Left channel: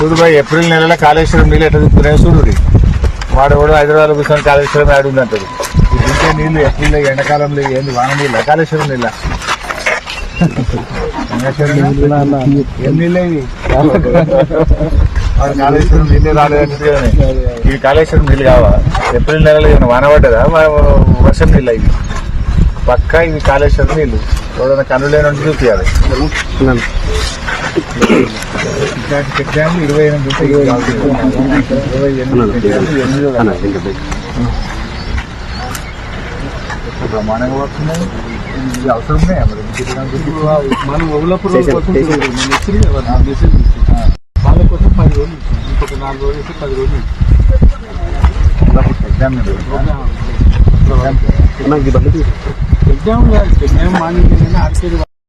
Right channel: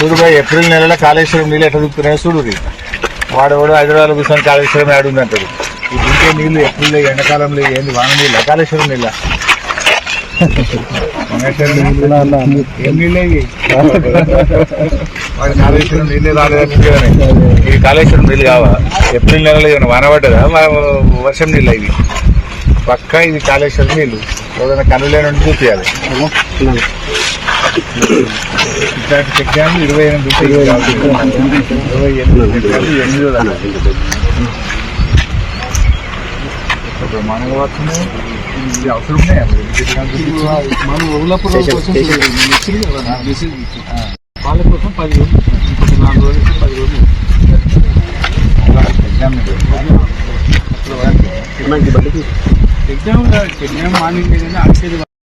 చూడు భాయ్, ఏప్రిల్ నెలలో కాళేశ్వరం నీళ్ళు ఎట్లా దిక్కున్నాయో చూడు. వాడు హైదరాబాద్ కూర్చొని కాళేశ్వరం ఆడుంది అంటారు. ఈ దింకే నీళ్ళు ఏప్రిల్ ఎండాకాలంలో ఏంది వాన నీళ్ళ కాళేశ్వరం నీళ్ళ ఏం నీళ్ళే ఇవి? వాడు కాళేశ్వరం నీళ్ళే రాలేదంటే ఇది కాళేశ్వరం నీళ్ళు కావా? ఏప్రిల్ నెలలో ఏమైనా వాన పడ్డదా వర్షం నీళ్ళ ఇవి? పక్కా ఇది కాళేశ్వరం నీళ్ళు. ఎవరైనా కనులేని నుండి చూపించాలి. ఇట్లాంటి చెక్ డ్యామ్లు 28 ఉంటాయి. 28 బ్రహ్మాండంగా వస్తున్నాయి. ఇది అవసరం ఉన్నాయా మరి? మనం ఓలాపూర్ కోసం వాళ్ళ కోసం 10 రోజులు, ఇంకొక 4 రోజులు 10 రోజులు ఎగ్జామ్ ఎగ్జామ్ మార్నింగ్ ఆడితే